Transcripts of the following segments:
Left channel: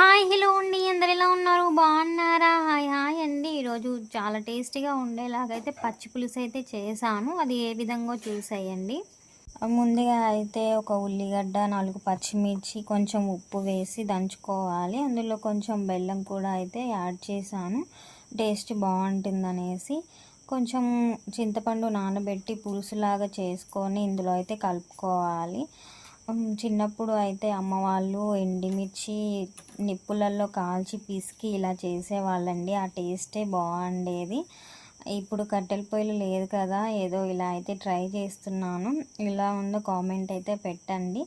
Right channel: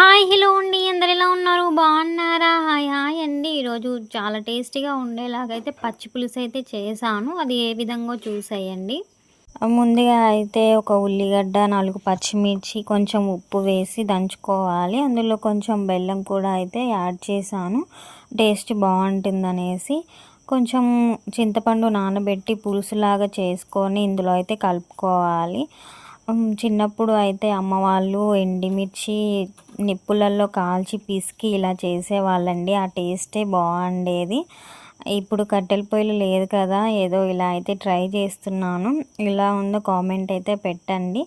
Hi hello అండి, అందరు ఎలా ఉన్నారు? బాగున్నారా? హాయ్ హాయ్ అండి. ఈరోజు చాలా టేస్టీగా ఉండేలాగైతే పచ్చి పులుసు అయితే చేశాను. అది ఏ విధంగా చూసేయండి. ముందుగా అయితే ఒక ఉల్లిగడ్డ, 4 పచ్చిమిర్చి, కొంచెం ఉప్పు వేసి దంచుకోవాలి. అందులో కొంచెం బెల్లం కూడా అయితే యాడ్ చేశాను, టేస్ట్ బాగుంటుందనేసి. కొంచెం చింతపండు నానబెట్టి పులుసులాగా చేసుకొని ఇందులో అయితే కలుపుకోవాలి. చిన్నప్పుడు అయితే అమ్మ వాళ్ళు ఎండిమిర్చి నిప్పులలో కాల్చి పిసికి ఇలా చేసేవాళ్ళండి. ఆ టేస్టే బాగుండేది. ఇప్పుడు కట్టెల పొయ్యిలు లేదు కదా, ఏదో ఇలా అయితే ట్రై చేస్తున్నాను. ఇలా ఉందో కామెంట్ అయితే పెట్టండి.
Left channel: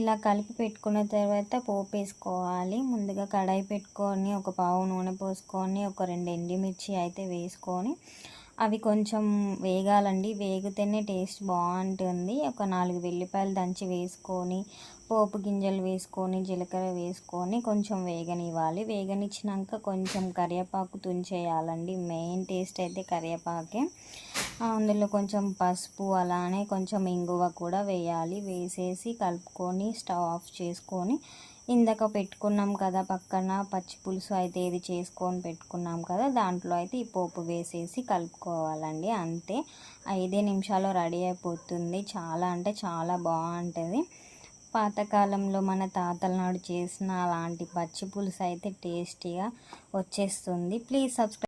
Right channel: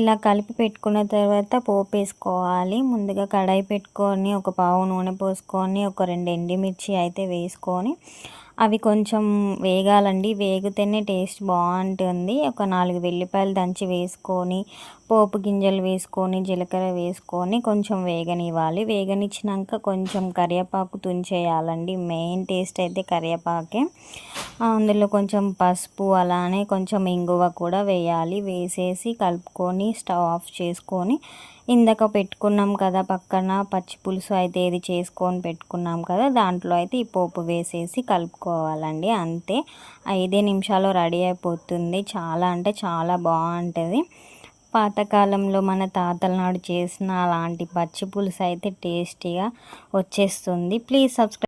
ఇలా కలిపి పెట్టుకున్న తర్వాత పోపు వేసుకోవాలి. ముందుగా కడాయి పెట్టుకొని ఒక పావు నూనె పోసుకొని ఒక 2 ఎండుమిర్చి అయితే వేసుకొని అవి కొంచెం వేగాలండి. వేగితేనే టేస్ట్ బాగుంటుంది. ఒక 4 వెల్లిపాయలు దంచి వేసుకొని పోపు గింజలు వేసుకొని జీలకర్ర వేసుకొని కొంచెం వేగనివ్వాలి. వేగనిచ్చినాక కొంచెం కరివేపాకు తుంచేయాలండి. మెయిన్ టేస్ట్ అయితే కరివేపాకే. అందులో కొంచెం పసుపు అలానే కొంచెం ఇంగువ కూడా వేయాలి. వేసేసి కలుపుకొని స్టవ్ ఆఫ్ చేసుకొని ఇందాక పెట్టుకున్నాం కదా పక్కన పచ్చి పులుసు అయితే ఇది చేసుకొని పెట్టుకున్నాం కదా, దాంట్లో అయితే ఈ పోపు వేసేసి కలుపుకోవాలండి. అంతే, 5 నిమిషాలు రెడీ అయిపోతుంది. చాలా అంటే చాలా బాగుంటుంది. పాతకాలంలో మన తాతల నాడు చేసిన అలాంటి పచ్చి పులుసు అయితే టేస్టీగా వచ్చేస్తుంది. Please subscribe.